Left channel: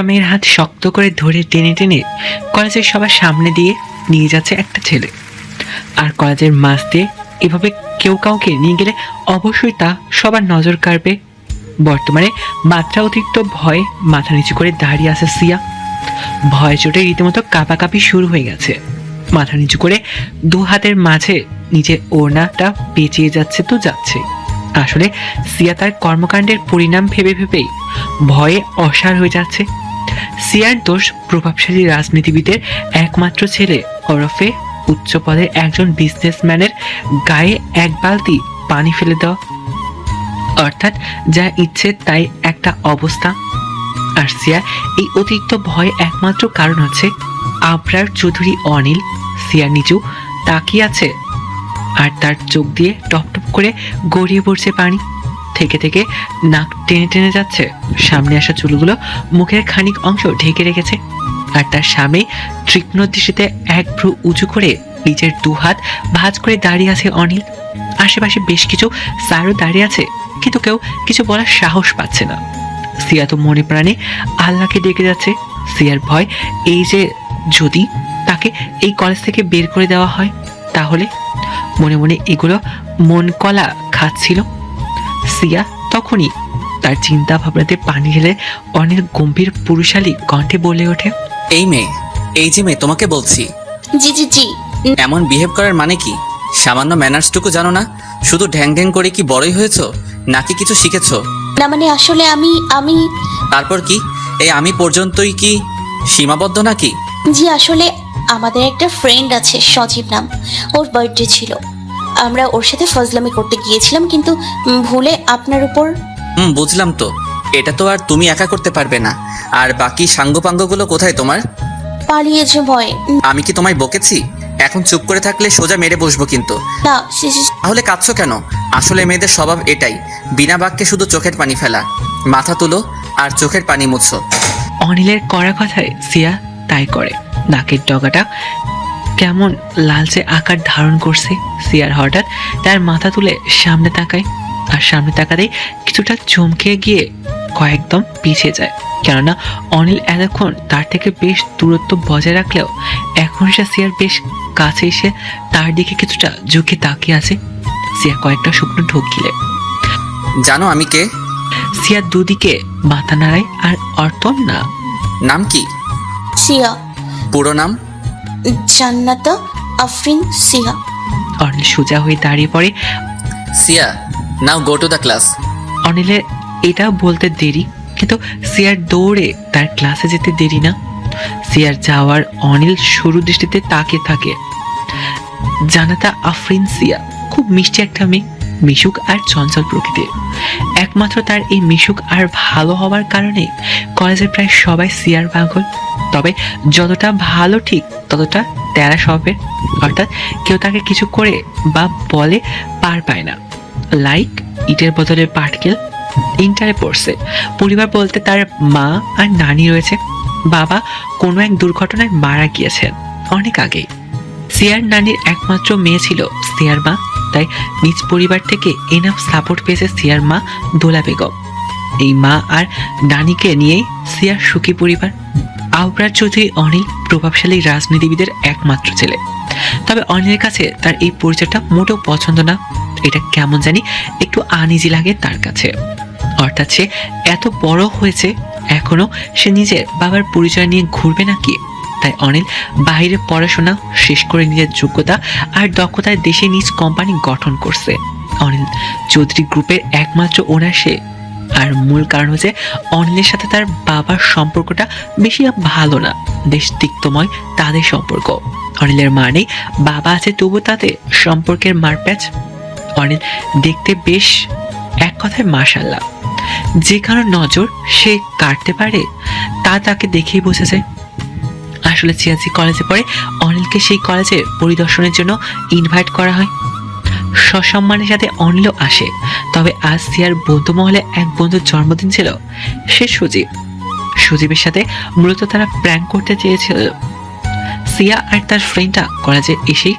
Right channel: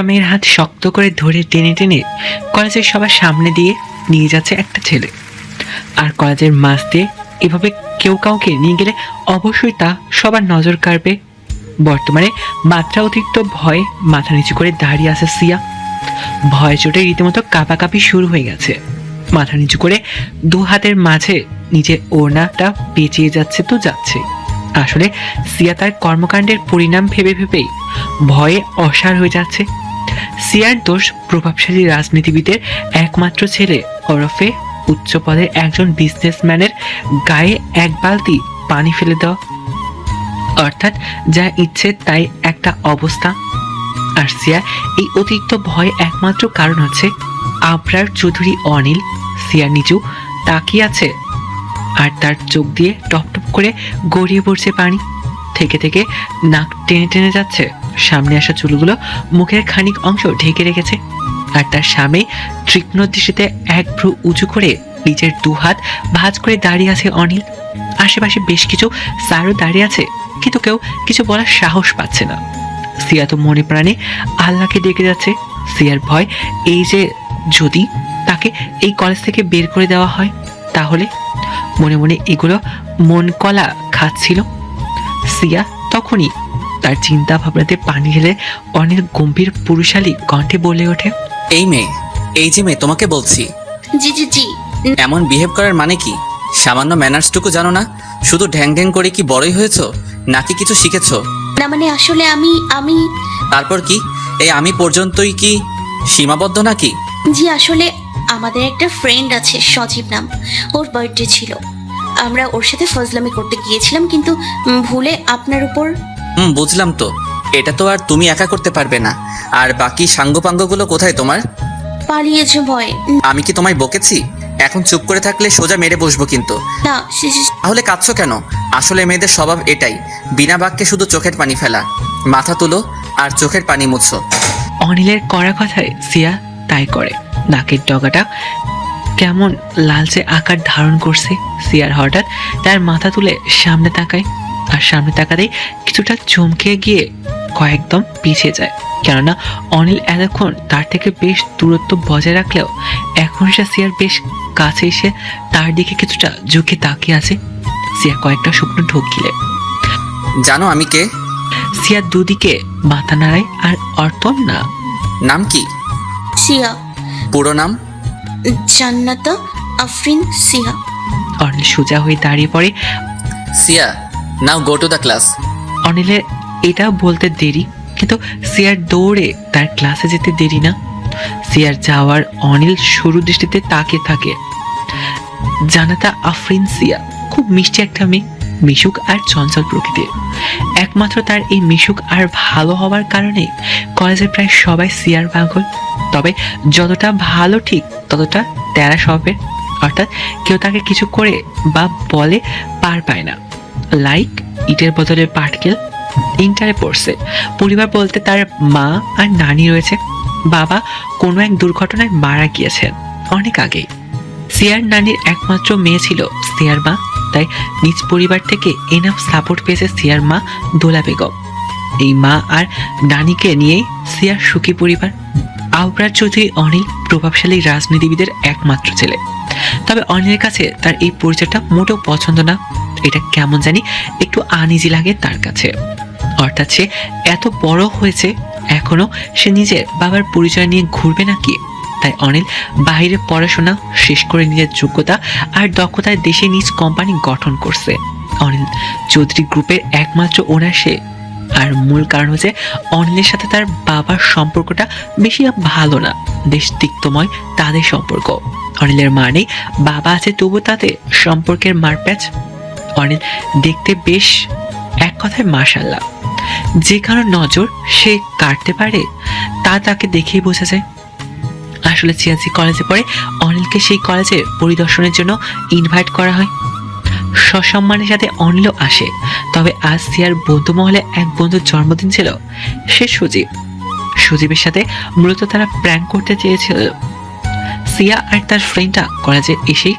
একটা মেয়ের হাত শক্ত করে ধরে টেনে টেনে কলেজের সবার সামনে দিয়ে নিয়ে যাচ্ছে একটা ছেলে। আর কলেজের মাঝ দিয়ে এভাবে কেউ কাউকে নিয়ে গেলে অবশ্যই তা সবার নজর কাড়বে। বর্তমানে মাত্রা অতিরিক্ত ভয়ে মাথা নিচু করে দাঁড়িয়ে আছে সিয়া। ভয় চোটে রীতিমতো কাঁপাকাঁপি শুরু হয়ে গেছে। মাথা নিচু করে দু হাতের মাঝে নিজের ওড়নাটা পেঁচিয়ে যাচ্ছে তো যাচ্ছে। আসলে সিয়া তার কর্মকাণ্ডের পরিণাম ভেবে ভেবেই ভয়ে অসাড় হয়ে যাচ্ছে। সিয়ার দোষ প্রভাবশালী রাজনীতিবিদের একমাত্র ছেলে ওরফে উচ্চ পদের একজন বিজনেসম্যানের গায়ে এক বালতি পানি ফেলে দেওয়া, অর্থাৎ যা ইচ্ছে তাই একটা অবস্থা। আর সিয়ার এই অতিরিক্ত ভয় একমাত্র কারণ হচ্ছে আবরার চৌধুরী অনিল সিয়ার নিচু তাকিয়ে আছে, আর তার চোখ দিয়ে টপ টপ করে গড়িয়ে পড়ছে পানি। থেকে থেকে নাক টেনে টেনে যাচ্ছে। সামনে আসা চুলগুলো মুখের খানিক অংশ ঢেকে রেখেছে। আর তার সামনে তীক্ষ্ণ দৃষ্টিতে এক ভ্রু উঁচু করে নিজের দু হাত ভাঁজ করে দাঁড়িয়ে আছে অনিল। আশেপাশে বেশ কিছু স্যারও দাঁড়িয়ে আছে, কিন্তু কেউ কিছু বলার সাহস পাচ্ছে না। সিয়া তো মনে প্রাণে আল্লাহকে ডেকে যাচ্ছে। সিয়ার ভয় এই যে যদি তাকে এই কলেজ থেকে বের করে দেওয়া হয় তাহলে। মনে মনে এগুলো মন কলা খাচ্ছিল সিয়া। তখনই তার চিন্তা ভাবনাতে পানি ঢেলে অনিল গম্ভীর পুরুষালী কণ্ঠে বলে ওঠে, এই মেয়ে, এই যে মেয়ে তোমাকে বলছি, জি জি জি। এমন বিহেভ করার মানে কি? সামান্য ম্যানার্সটুকু জানো না? শুধু ঢ্যাং ঢ্যাং করে কি বড়ই হয়েছো, নাকি কিছু শিখেছো? না মানে আসলে আমি তারপর কি? এই আমি পর্যন্তই কি সীমাবদ্ধ নাকি? জি আসলে আমাদের একটা ফ্রেন্ড আছে সজীব নাম, ওর বার্থডে ছিল। আমরা ওর সাথে ফজলামি করতে গিয়েছিলাম, কিন্তু ভুলে আপনার উপর। বুঝলাম তো। এটা তো আর তুমি একা করতে পারবে না। আর বাকি সাঙ্গপাঙ্গগুলো কোথায় তোমার? পালিয়েছে ভয়ে। আমি কি তোমায় বকেছি? এখন চুপ করে থাকলে সোজা মেরে বসবো কিন্তু। না তাহলে কাঁদছো কেন? আসলে মেয়েদের স্বভাব এটাই, বিনা বাক্যে শুধু চোখের পানি ফেলা। মাথা তুলো আর চোখের পানি মুছো। অনিলের করা কথায় সিয়া তাই করে। নাকের ডগাটা কেমন লালচে আকার ধারণ করছে। সিয়ার হঠাৎ তার মাথা তুলে সামনে তাকায়, আর সামনে তাকাতেই কিছুটা চমকে গিয়ে কয়েকদম পিছিয়ে যায়। কেননা অনিল এতক্ষণ তার থেকে বেশ দূরত্ব বজায় রাখলেও এখন সে সিয়ার বেশ কাছে এসে তার দিকে কিছুটা ঝুঁকে তাকিয়ে আছে। সিয়া কয়েকটা শুকনো ঢোক গিলে। জানো আমি কে? সিয়া দুদিকে মাথা নাড়ায় আর অর্থ না। নাম কি? সিয়া। পুরো নাম? জান্নাতা আফরিন সিয়া। অনিল সোজা হয়ে দাঁড়িয়ে পড়ে। সিয়া, নাও গো টু দ্য ক্লাস। অনিলের এটা বলতে দেরি, কিন্তু সিয়ার দৌড়ে তার ক্লাসে যেতে দেরি না। সিয়ার যাওয়ার অনিল সরু দৃষ্টিতে তাকিয়ে থাকে। জানাতা আফরিন সিয়া খুব মিষ্টি একটা মেয়ে, মিশুক আর চঞ্চল প্রকৃতির। একমাত্র তার এই মিশুক আর ভালো হওয়ার কারণে কলেজের প্রায় সবাই সিয়ার পাগল। তবে যতটা ভালো ঠিক ততটা তেরা স্বভাবের, অর্থাৎ কেউ তাকে কিছু করে বা বলে পার পায় না। লাইক ইটের বদলে পাটকেল। ইন্টারে পড়ছে। পরিবার বলতে তার মা আর নানি রয়েছে। বাবা কোনো এক দুর্ঘটনায় মারা গিয়েছেন অনেক আগেই। সিয়ার নানির একমাত্র মেয়ে ছিল সিয়ার মা, তাই নিজ পরিবার থেকে এনাফ সাপোর্ট পেয়েছে সিয়ার মা দোলা বেগম। এই মা আর নানিকে নিয়েই সিয়ার সুখী পরিবার। আবরার চৌধুরী অনিল প্রভাবশালী রাজনীতিবিদের একমাত্র ছেলে। তবে অনিলের কাছে তার এই পরিচয়টা মোটেও পছন্দ না। এটা কেমন জানি একটু আনইজি লাগে তার কাছে। অর্থাৎ সে এত বড় হয়েছে, এখনো সে নিজের বাবার পরিচয় নিয়ে ঘুরবে নাকি? তাই অনিল বাইরে পড়াশোনা শেষ করে নিজের যোগ্যতা আর দক্ষতায় দেশে নিজ কোম্পানি গঠন করছে। অনিল চৌধুরী গ্রুপের একমাত্র ওনার সে। আর মূল কারণ হচ্ছে অনিলের সাথে তার বাবার সম্পর্কটা বেশি ভালো না, বেশ তিক্তময় তাদের সম্পর্ক। অনিলের মানে বাবা আছে, তবু তাদের সম্পর্কের মারপ্যাচ। অনিল দেখতে বেশ এক কথায় মাশাআল্লাহ। যে কারো নজর সে কাটতে পারে তা তাকে দেখেই বোঝা যায়। আসলে সিয়াজি কলেজে পড়ে অনিলকে সেই কলেজে পরিদর্শনের জন্য ইনভাইট করা হয়। সসম্মানের সাথে অনিলও আসে। তবে আজ সিয়ার বন্ধু মহলে এক বন্ধুর জন্মদিন ছিল, সে সজীব। সজীবের সাথে মূলত তারা প্র্যাঙ্ক করতে চেয়েছিল। সিয়া আর তার ফ্রেন্ডটা কলেজে এসেই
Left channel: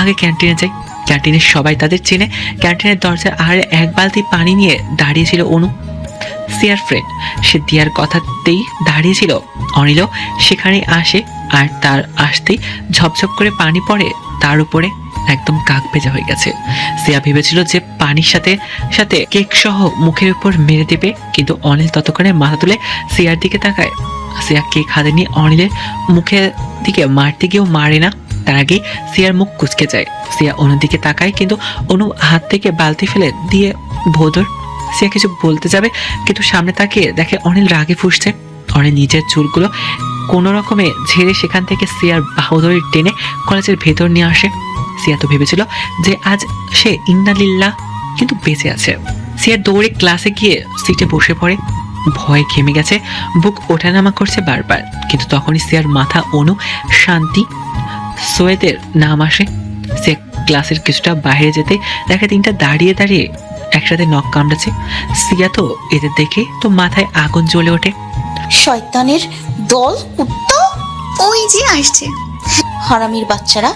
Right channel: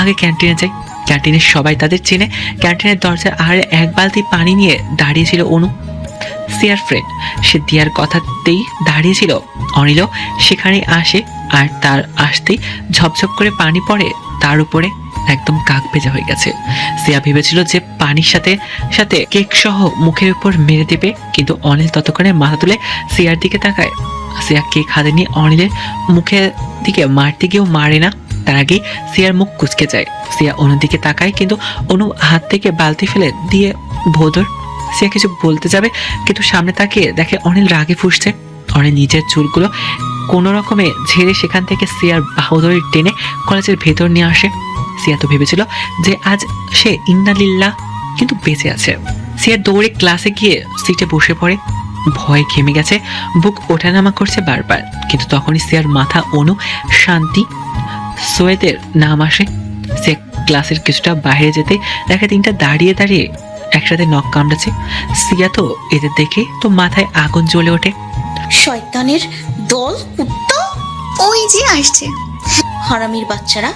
আগে ক্যান্টিনে যায়। ক্যান্টিনে সবাই তাদের চেনে। ক্যান্টিনের দরজার আড়ে এক বালতি পানি নিয়ে দাঁড়িয়েছিল অনু। সিয়ার ফ্রেন্ড। সে দিয়ার কথাতেই দাঁড়িয়েছিল। অনিলও সেখানে আসে আর তার আসতেই ঝপঝপ করে পানি পড়ে তার উপরে, একদম কাক ভেজা হয়ে গেছে। সিয়া ভেবেছিল যে পানির সাথে সাথে কেক সহ মুখের উপর মেরে দেবে, কিন্তু অনিল ততক্ষণে মাথা তুলে সিয়ার দিকে তাকায়। সিয়া কেক হাতে নিয়ে অনিলের মুখের দিকে মারতে গিয়েও মারে না, তার আগে সিয়ার মুখ কুচকে যায়। সিয়া অনুর দিকে তাকায়, কিন্তু অনু হাত থেকে বালতি ফেলে দিয়ে ভোদর। সিয়া কিছু বলতে যাবে, কিন্তু সামনে তাকিয়ে দেখে অনিল রাগে ফুঁসছে। অনিল নিজের চুলগুলো কোনো রকমে ঝেড়ে সেখান থেকে সিয়ার বাহুদড়ি টেনে কলেজের ভেতর নিয়ে আসে। সিয়া তো ভেবেছিল যে আজ সে ইন্নালিল্লাহ কিন্তু বেঁচে আছে। সিয়া দৌড়ে ক্লাসে গিয়ে সিটে বসে পড়ে। ভয় ঘেমে গেছে, বুক ওঠানামা করছে বারবার, কিন্তু তখনই সিয়ার মাথা অনু, শান্তি, সোয়েদের নাম আসে। সে ক্লাসের কিছুটা বাইরে যেতে দেখে তিনটা দাঁড়িয়ে দাঁড়িয়ে একসাথে নখ কামড়েছে। সিয়া তো এদের দেখে তো মাথায় আগুন জ্বলে ওঠে। শয়তানের দল, কুত্তা ওই যে আসছে। হারামির বাচ্চারা,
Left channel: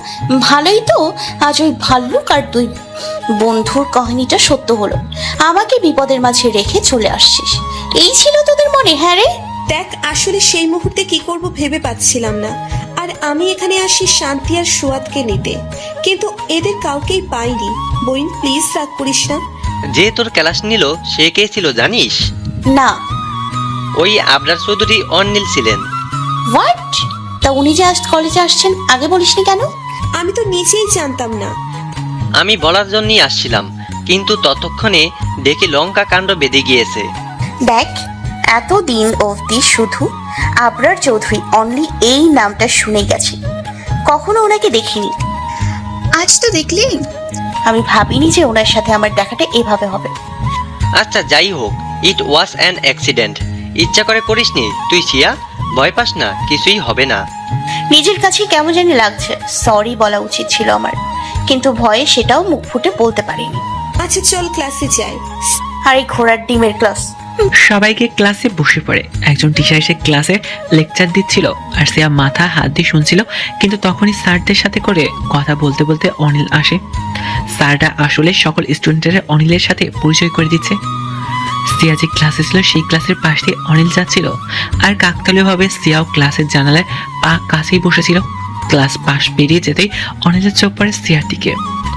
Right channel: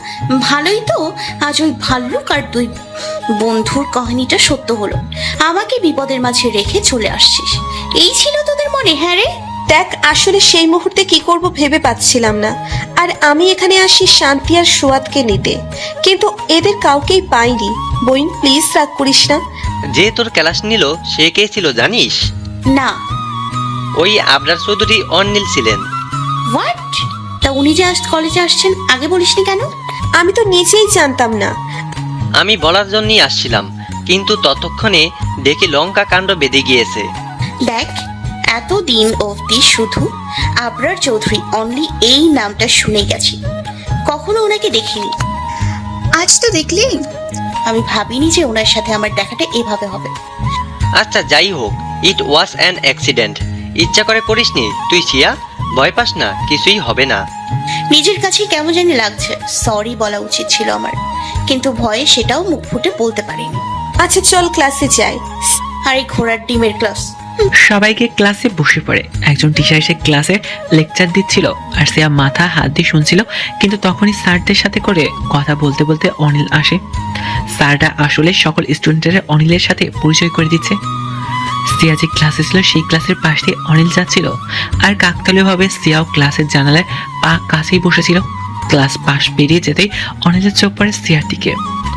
ভালোই তো আজ ওই ভাল্লুক আর তুই বন্ধুর কাহিনীটা সত্য হলো। আমাকে বিপদের মাঝে রেখে চলে আসছিস, এই ছিল তোদের মনে? হ্যাঁ রে। দেখ, আসলে সেই মুহূর্তে কি করব ভেবে পাচ্ছিলাম না, আর আমি এখানে আসি শান্তি আর সোয়াদকে নিতে, কিন্তু এদের কাউকেই পাইনি। বইন প্লিজ রাগ করিস না। যে তোর ক্লাস নিল সে কে ছিল জানিস? না। ওই আবরার চৌধুরী অনিল ছিলেন। হোয়াট? তা উনি যে আজ কলেজে আসছেন আগে বলিস না কেন? আমি তো নিজেই জানতাম না। আমি বলার জন্যই আসছিলাম, কিন্তু ততক্ষণে দেখে লঙ্কা কাণ্ড বেঁধে গিয়েছে। দেখ, এতদিন অবধি শুধু আবরার চৌধুরী অনলি এই নামটা শুনে গেছি, কখনো ওনাকে দেখিনি। আজ তো দেখলি। আমি ভাবিনি যে ওনার সাথে আমার দেখাটা এভাবে হবে। আচ্ছা যাই হোক, ইট ওয়াজ অ্যান অ্যাক্সিডেন্ট। ইচ্ছা করে করিসনি তুই সিয়া, ভয় পাস না, কিছুই হবে না। নিজের কাছে কেমন জানি লাগছে, সরি বলা উচিত ছিল আমার, কিন্তু ভয়ে সেটাও মুখ ফুটে বলতে পারিনি। আচ্ছা চল ক্লাসে যাই। আর এই ঘোড়ার ডিমের ক্লাস। সবাইকে ক্লাসে বসে পড়ে। একজন টিচার এসে ক্লাসে লেকচার দিচ্ছিল আর সিয়া মাথা হাত দিয়ে শুনছিল, কিন্তু তখনই স্যারদের সাথে করে কথা বলতে বলতে অনিল আসে। স্যারটা আসলে সকল স্টুডেন্টরা অনিলের সাথে পরিচয় করে দিচ্ছে। সিয়া যে ক্লাসে ছিল সেই ক্লাসের পাশ দিয়ে অনিল যাচ্ছিল, আর কাকতালীয়ভাবে সিয়াও ক্লাসের জানালায় পা কাছেই বসেছিল। ক্লাস পাশ পেরিয়ে যেতেই অনিলের চোখ পড়ে সিয়ার দিকে।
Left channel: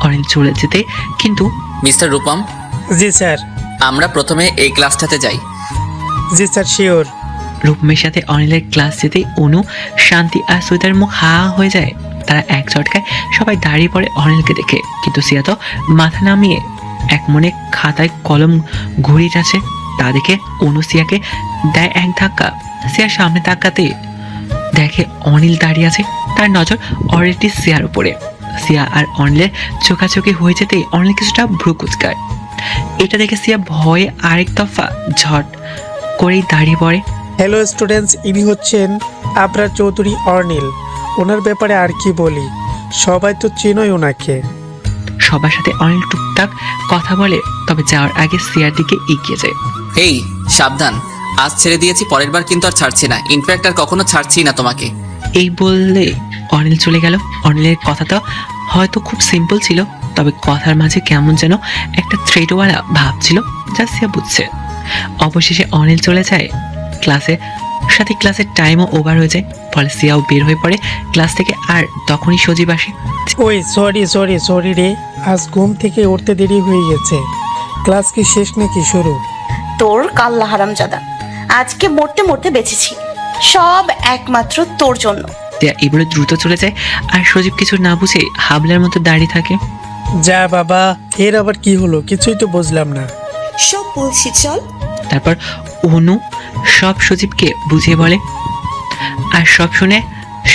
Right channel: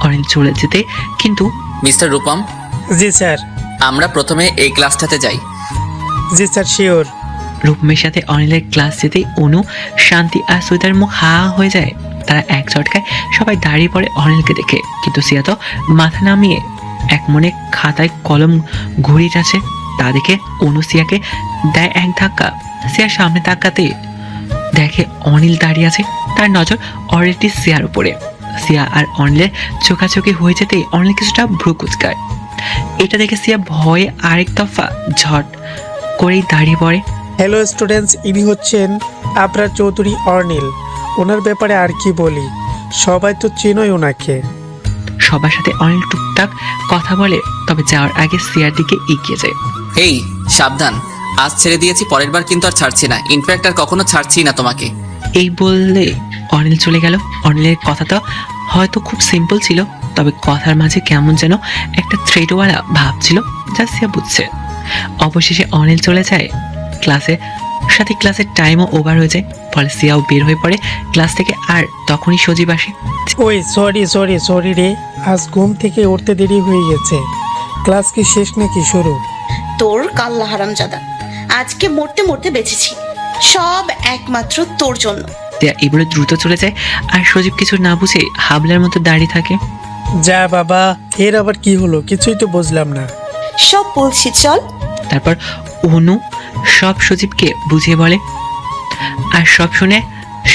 অনিল চলে যেতে কিন্তু মিস্টার রূপম, জি স্যার। আমরা প্রথমে এই ক্লাসটাতে যাই। জি স্যার, শিওর। রূপমের সাথে অনিলের ক্লাস যেতেই অনু, শান্তি আর সৈতার মুখ হা হয়ে যায়। তারা এক ঝটকায় সবাই দাঁড়িয়ে পড়ে অনিলকে দেখে, কিন্তু সিয়া তো মাথা নামিয়ে এক মনে খাতায় কলম ঘুরিয়ে আছে। তা দেখে অনু সিয়াকে দেয় এক ধাক্কা। সিয়ার সামনে তাকাতে দেখে অনিল দাঁড়িয়ে আছে, তার নজর অলরেডি সিয়ার উপরে। সিয়া আর অনিলের চোখাচোখি হয়ে যেতেই অনিল কিছুটা ভ্রু কুচকায়। এটা দেখে সিয়া ভয়ে আরেক দফা ঝট করেই দাঁড়িয়ে পড়ে। হ্যালো স্টুডেন্টস, ইনি হচ্ছেন আবরার চৌধুরী অর্নিল। ওনার ব্যাপারে আর কি বলি, সবাই তো চেনোই ওনাকে। সবার সাথে অনিল টুকটাক কথা বলে, তবে যাওয়ার আগে সিয়ার দিকে এগিয়ে যায়। এই সাবধান, আজ ছেড়ে দিয়েছি, পরের বার কিন্তু আর ছাড়ছি না। ইনফ্যাক্ট আর কখনো ছাড়ছি না তোমাকে। এই বললে অনিল চলে গেল। অনিলের কথাটা হয়তো খুব সিম্পল ছিল, তবে কথার মাঝে কেমন যেন একটা থ্রেডওয়ালা ভাব ছিল, যা সিয়া বুঝছে। অবশেষে অনিল চলে যায়। ক্লাসের টাইমও ওভার হয়ে যায়, ফলে সিয়াও বের হয়ে পড়ে ক্লাস থেকে। আর তখনই সজীব আসে। ওই সরি রে, আজ ঘুম থেকে উঠতে দেরি হয়ে গেছে। ক্লাস কি শেষ নাকি শুরু? তোর কাল্লা হারামজাদা, আজকে মরতে মরতে বেঁচেছি, সব একমাত্র তোর জন্য। সিয়া এই বলে দ্রুত চলে যায়, আর সজীব কিছু না বুঝে হাবলার মতো দাঁড়িয়ে থাকে। যা বাবা, এর আবার কি হলো, কিছুই তো বুঝলাম না। সব বলছি, চল। তারপর অনু সব সজীবকে বুঝিয়ে বলে, আর সব শুনে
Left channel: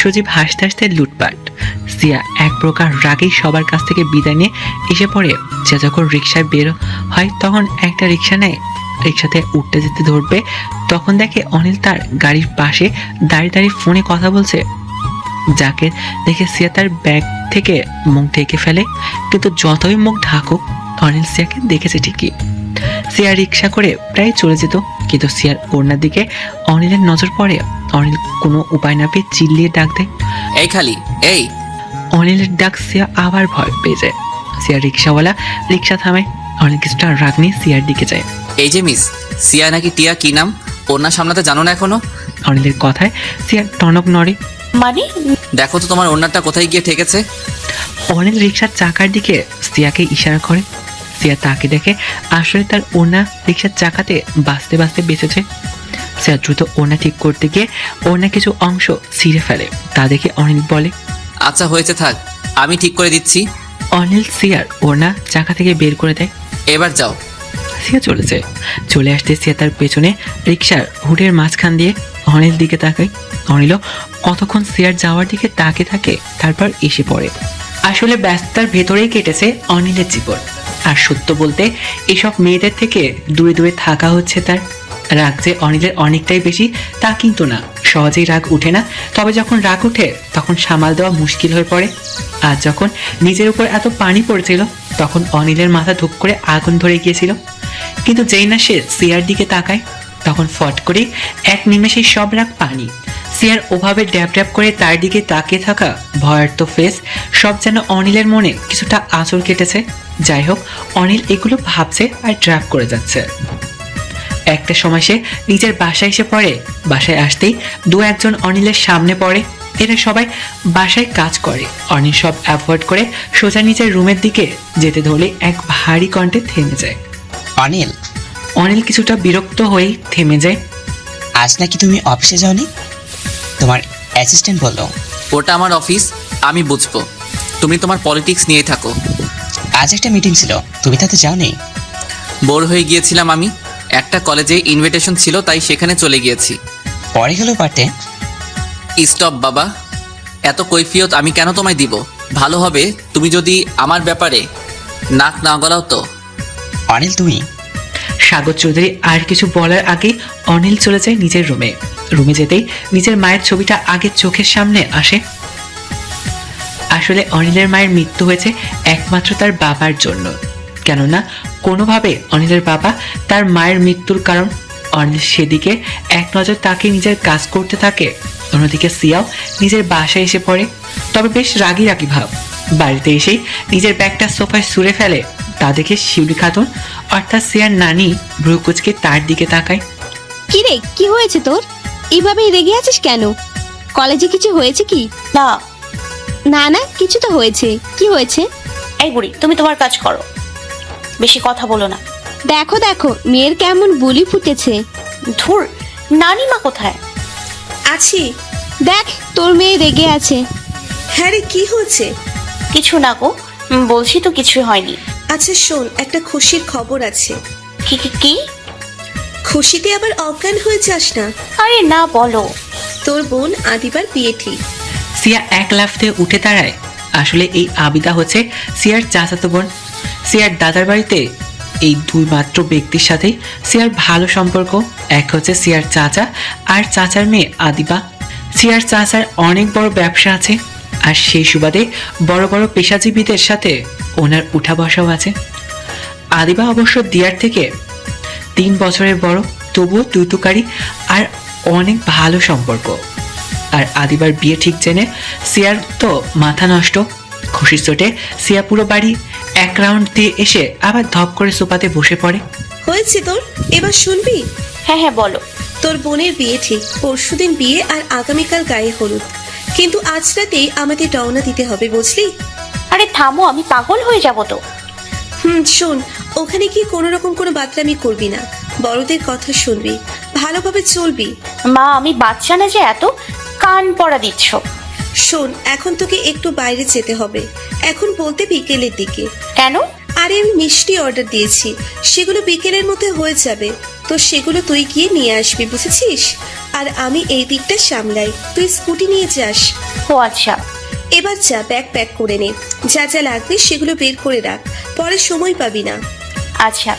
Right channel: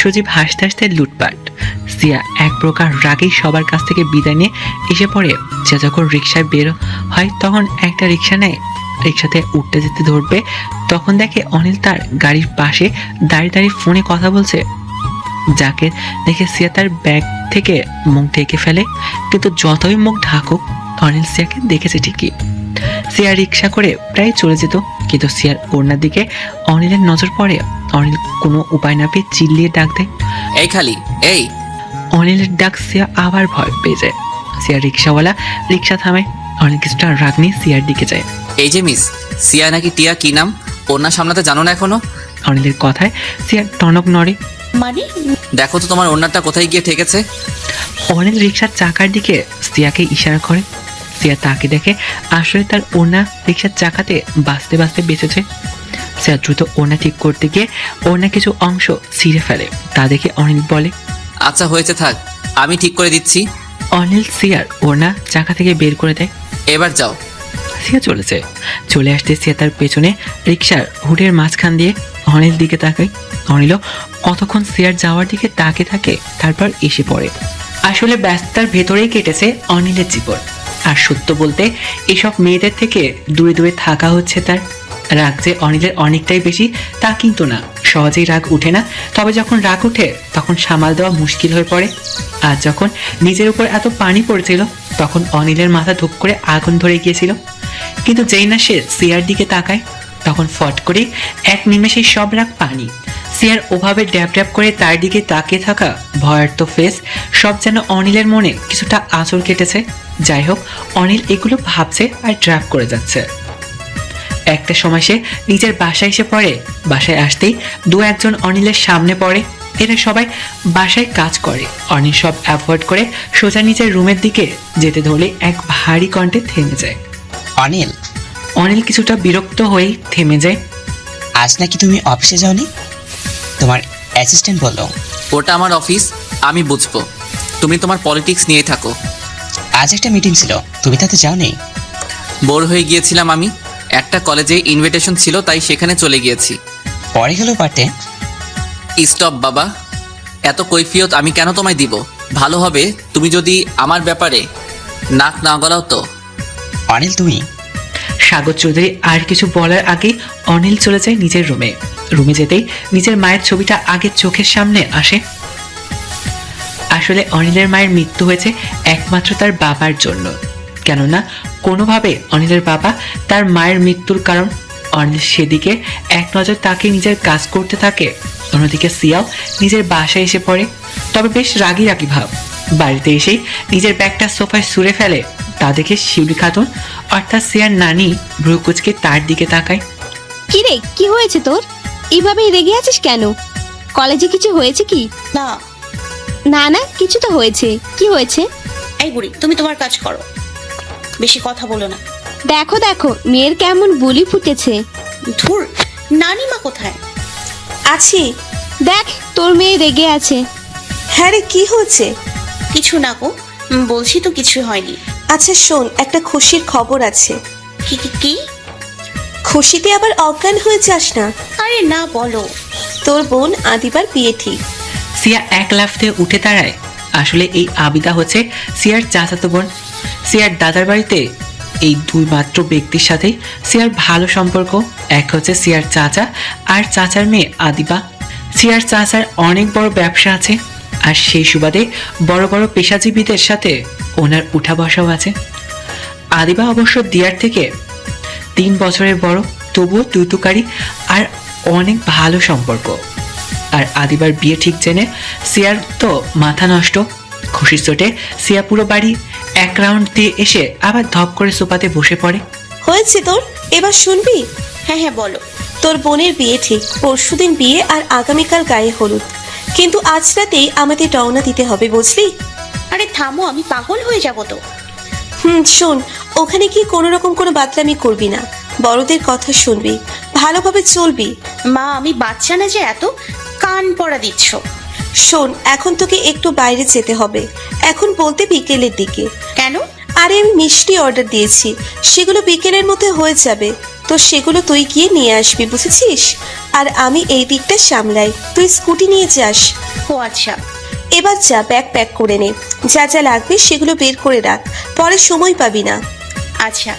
সজীব হাসতে হাসতে লুটপাট। সিয়া এক প্রকার রাগেই সবার কাছ থেকে বিদায় নিয়ে এসে পড়ে। সে যখন রিক্সায় বের হয় তখন একটা রিক্সা নেয়। রিক্সাতে উঠতে যেতে ধরবে, তখন দেখে অনিল তার গাড়ির পাশে দাঁড়িয়ে দাঁড়িয়ে ফোনে কথা বলছে। যাকে দেখে সিয়া তার ব্যাগ থেকে মুখ ঢেকে ফেলে, কিন্তু যতই মুখ ঢাকুক অনিল সিয়াকে দেখেছে ঠিকই। সিয়া রিক্সা করে প্রায় চলে যেত, কিন্তু সিয়ার ওড়নার দিকে অনিলের নজর পড়ে। অনিল কোনো উপায় না পেয়ে চিল্লিয়ে ডাক দেয়, এই খালি, এই। অনিলের ডাক সিয়া আবার ভয় পেয়ে যায়। সিয়া রিক্সাওয়ালা রিক্সা থামায়। অনিল কিছুটা রাগ নিয়ে সিয়ার দিকে যায়। এই যে মিস, সিয়া নাকি টিয়া, কি নাম? ওনার সামনে তো জানো না এখনো? অনিলের কথায় সিয়ার টনক নড়ে। মানে দেখো তো তোমার ওনারটা কোথায় গিয়ে ঠেকেছে। অনিল রিক্সার চাকার দিকে সিয়াকে ইশারা করে। সিয়া তাকে দেখে আসলে তার ওনা রিক্সার চাকাতে বাঁচতে বাঁচতে বেঁচেছে। সিয়া দ্রুত ওনা ঠিক করতে গিয়ে ওনা কিছু অংশ ছিঁড়ে ফেলে। তা দেখে অনিল বলে, আচ্ছা হয়েছে, থাক, আমি ঠিক করে দিচ্ছি। অনিল সিয়ার ওনা চাকা থেকে বের করে দেয়। এবার যাও। সিয়া চলে আসতে সিয়া তার পেছনে রিক্সার হুডের মাঝখান দিয়ে অনিল দিকে তাকায়। অনিলও কতক্ষণ সিয়ার যাওয়ার দিকে তাকে থাকে, তারপর এসে পড়ে। আসলে ব্যস্ততার ভেতরেই কেটেছে অনিলের জীবন। আর সত্য বলতে এসব মেয়েদের থেকে দূরে দূরে থাকা হচ্ছে তার। রাগ যে অনিলের অনেকটাই বেশি তা কিন্তু না, সহজেই রাগ ওঠে না। তবে যখন রাগ ওঠে তখন সামাল দেওয়া মুশকিল হয়ে পড়ে। আর যখন নিজের উপর এত পানি পড়ছিল তখন অনিলের মাথা ধূপ করে আগুন ধরে গিয়েছিল। কিন্তু যেই না সে সিয়ার দিকে তাকায় তখন ফট করে এক নিমেষে সব রাগ পানি। সিয়ার ওভাবে ড্যাব ড্যাব করে তার দিকে তাকিয়ে থাকা ভয়ার্ত ফেস সব যেন অনিলের মনে কিছুটা আঁচড় কেটেছে। যাই হোক, অনিল এগুলো ভাবছে আর ড্রাইভ করে যাচ্ছে। একটা সময় সে নিজের বাসায় এসে পড়ে। বাসায় আসতেই দু একজন অনিলের সামনে পড়ে। এরা সবাই বাসায় কাজ করে। অনিল সব অ্যাভয়েড করে সোজা নিজের রুমের দিকে যেতে ধরলে এক ভারী কণ্ঠে থেমে যায়। অনিল, অনিল কিছুটা বিরক্ত হয়ে থেমে যায়। আজ নাকি তুমি অফিসে যাওনি? তোমার অ্যাসিস্ট্যান্ট বলো। ওটা আমার অফিস, আমি বুঝবো। তুমি তোমার পলিটিক্স নিয়ে থাকো। আজ একটা মিটিং ছিল, তুমি তাতে যাওনি? বোর হয়ে গিয়েছিলাম আমি। একটা কলেজে ইনভিটেশন ছিল, তাই সেখানে চলে গিয়েছি। স্টপ বাবা, এত কৈফিয়ত আমি কেন তোমায় দিব? ভালো হবে তুমি যদি আমার ব্যাপারে নাক না গলাও তো। অনিল, তুমি সাগর চৌধুরী আর কিছু বলার আগে অনিল চলে যায় নিজের রুমে। রুমে যেতেই নিজের মায়ের ছবিটা আগে চোখের সামনে আসে। আসলে অনিলের মায়ের মৃত্যু হয়েছে একমাত্র তার বাবার জন্য। কেননা কোনোভাবে অনিলের বাবা তার মায়ের মৃত্যুর কারণ। অনিল সেদিকে এক নজর তাকে নিজের কাজ করতে থাকে। অন্যদিকে সিয়া নিজের বাসায় এসে পড়ে, তবে বেশ রাগী রাগী ভাব। বাড়িতে এসে নিজের ব্যাগটা সোফায় ছুঁড়ে ফেলে। তা দেখে শিউলি খাতুন অর্থাৎ সিয়ার নানি ভ্রুকুচকে তার দিকে তাকায়। কি রে, কি হয়েছে তোর? এইভাবেই রেগে আছিস কেন? কলেজে কিছু হয়েছে কি? না। না না, কিছু তো হয়েছে। কি হয়েছে? এই বুড়ি, তুমি তোমার কাজ করো, বেশি কথা বলো না। দেখো দেখো, মেয়ের কেমন বুলি ফুটেছে। ধুর, নানিমা কোথায়? আছি। দেখ, তোর মেয়ে রেগে আছে। হ্যাঁ রে, কি হয়েছে? কিছু না গো, বলছি তো কিছু হয়নি। আচ্ছা শোন, একটা খুশির খবর আছে। কি কি কি? খুশিতে আবার অজ্ঞান হয়ে যাস না। আরে না, বলো। তোর বোন আদিবার বিয়ে ঠিক। সিয়া এক লাফ দিয়ে উঠে দাঁড়ায়। আসলে এই আবিদা হচ্ছে সিয়ার চাচাতো বোন। সিয়ার দাদার বাড়িতে এই দুই মাত্র ব্যক্তির সাথে সিয়ার ভালো সম্পর্ক। এক হচ্ছে সিয়ার চাচা আর চাচার মেয়ে আদিবা। সিয়ার চাচার অনেক বড় ব্যবসা আছে, আর সেই সুবাদে বড় বড় পেশাজীবীদের সাথে ওনার উঠা বসাও আছে। আদিবা অবশ্য দিয়ার থেকে 3 বছরের বড়, তবুও তুতুকারি আর অনেক ভালো সম্পর্ক। আর আদিবার বিয়ে ঠিক জানে সিয়ার তো মাথা নষ্ট। খুশির চোটে সিয়া পুরো বাড়ি এক রাউন্ড দিয়ে এসে আবার ধপ করে সোফাতে বসে পড়ে। হয়েছে তোর, এবার শুনবি? হ্যাঁ হ্যাঁ, বলো। তোর বোনের বিয়ে ঠিক, পরশুদিন বিয়ে আর আগামীকাল গায়ে হলুদ। কিন্তু আজ রাতেই আমাদের রওনা দিতে হবে, বুঝলি? আরে থামো, আমি পাগল হয়ে যাব তো। শোন, ওখানে কি কোনো রকম কোনো বাতলামি করবি না, বড়দের কথা শুনবি, ভালোভাবে চলবি। মা, আমি বাচ্চা না যে এত কান পড়া দিচ্ছ। শোন, এখন তোকে একটু বাইরে যেতে হবে, এখন বলতে বিকেলের দিকে। কেন? আরে আমি মিষ্টি অর্ডার দিয়েছি, সেগুলো বিকেলের মধ্যে হয়ে যাবে, তো সেগুলো তুই গিয়ে নিয়ে আসবি, বুঝেছিস? আর আমি এই দিকটা সামলাই, তুই স্কুটি নিয়ে যাস। ও আচ্ছা। এবার যা, ব্যাগ প্যাক করে নে, যা যা লাগবে সেগুলো বের করে রাখ, পরে সময় পাবি না। আচ্ছা।